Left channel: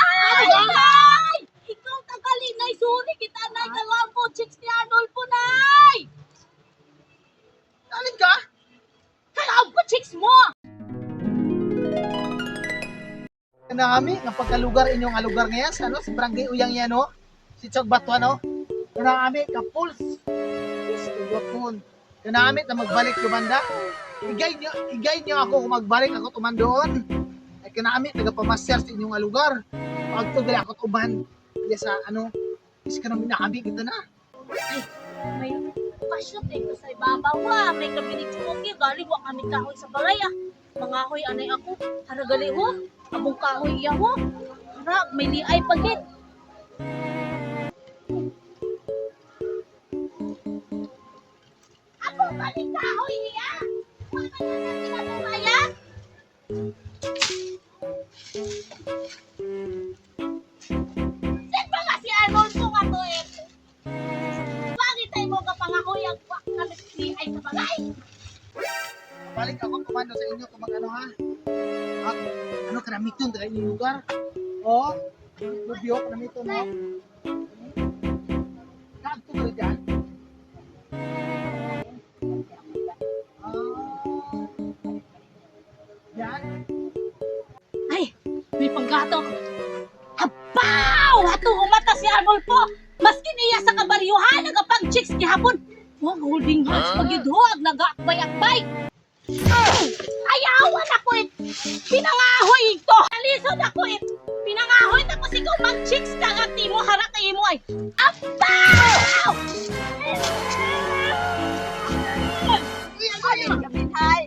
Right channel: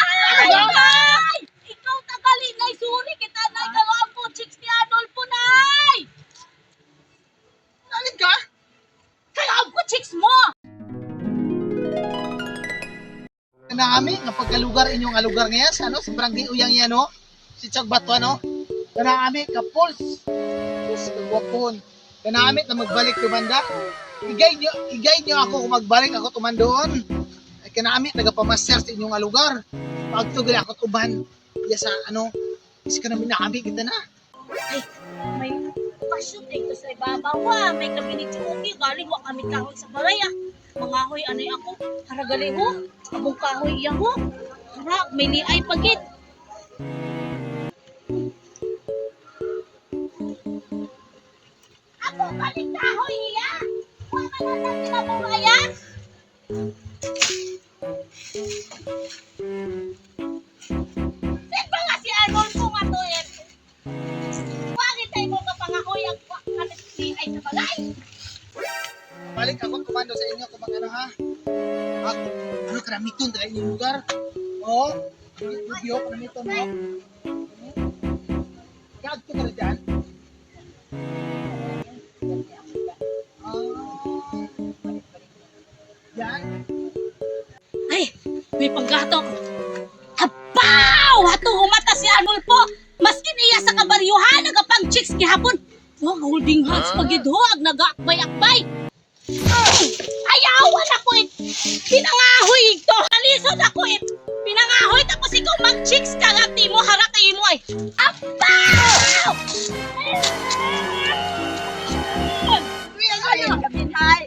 Ay! Nay! Ikaw tagali, Nay. Sorry kita, Nay. Kalawang po, chicks ni Arnolfo, Nay. Alin ka? Kalawang po, chicks mo. Na kami, nga pagkalugar inyong alugar ngayon, sa ano, si Barangay Uyang yan, no? Si Chagbato, ano? Oh. Kana kami, kapuls. Yes, kagwapon. Kana kami, na magbalik tumanda. Igay nyo, igay nyo ako kung magbalik ako tumandoon. Ay kana kami, nagapamaster sa inyong alugar nga lugar. Pagtugali ako tuban. Ya sa ano. Is ka namin nakami kita na. May pasyon dito sa ibabaw ha. May kami ni Chuki. Galing wa kami kahoy sa baray ah. Mga hoy anay ako. Haragali ho. Abong kahoy iya ho. Hara, may liay pagit. Ako balik kahoy iya. Wa man na kinabulaya. Sin ba Balik ako tumando sa inyo kung ano ha. Ah, ano karamiton tayo inyong lugar. Oh, review ko nito no. Kag ko na dyan. Ah, yan. Ay, may panggatok. Abaw! Hatong umata si Arnold po. Maski niya sa kabaryuhan, nagapang chicks gihapon. Huwag holding hands pagidhuag, nag-akbay-akbay. Pinangahoy ito. Alisod ako it. Pinangahoy tapos ikaw mag-chicks ka nga mo harap kayo mo ay. Abaw! Ano? Ay!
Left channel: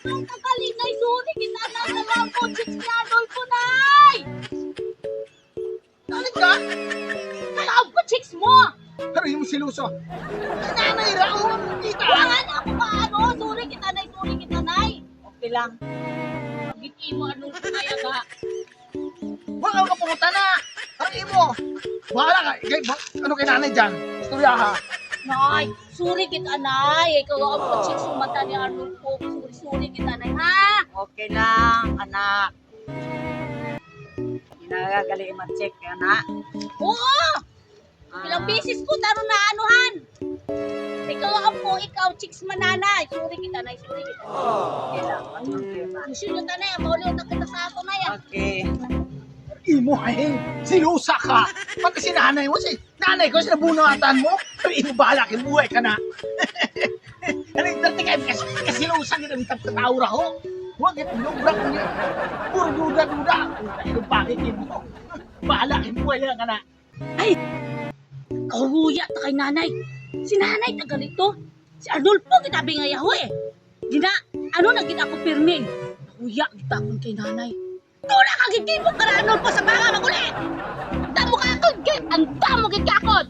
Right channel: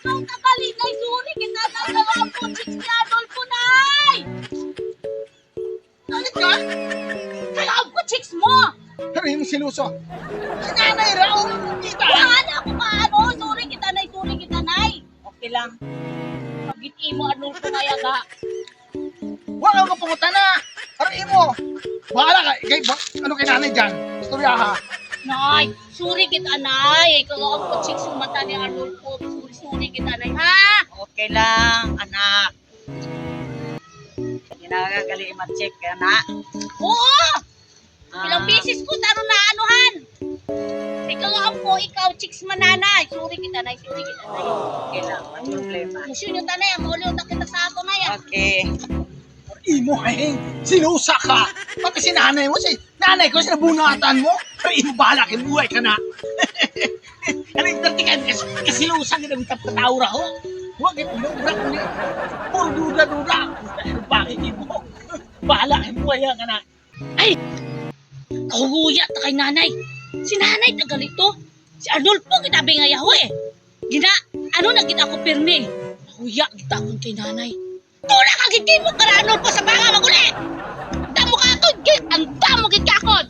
Ikaw kakalinay, suri kita na dalawang po chicks ni Adolfo, nay! Balik ka. Dalawang po chicks mo! Pero yung siluso. Nanay raw. Kita. Wala lang. Pagiti mo, Adolfo, kaya ga. Wala ka pumunta na. Pero imo. Bahala ka. Ikay, ba- ano kay nanay dyan? Istorya ha. Nay, suri kita nay. Ikaw ang po chicks yung mata ni Adolfo. Suri, suri kita nay, ha? Okay lang, anak. Ginagagali ma-check ka na. Oo! Ah, Ilang beses ko taro na anuhan. Ang po, ikaw, chicks mananay. Suri kita nay, suri kita nay. Okay lang, walang problema. Mission yung tanay, ang mauli na kita sa ato na yan. Okay. Imo ay silusa ka. Pati si nanay mo, si nanay ko, sinabunatan mo. Pero imo bahala kay buhay ka na. Ano yung dati ka, kasi kasilusa kita ng tapataura ho. Huwag ito, nubra ko niya. Puro duda-duda. Ano bakit imo? Bahala kay buhay ka na. Kahuya ta kay nanay. Si nanay tagalito. Si Adolfo kitabi nga yaho eh. Gina, ano na gina ako pirmi. Kahuya kita akong kay nanay. Tuna ka giti mo kara Adolfo sa banga maguli. Damo ka ako, ang damo ako.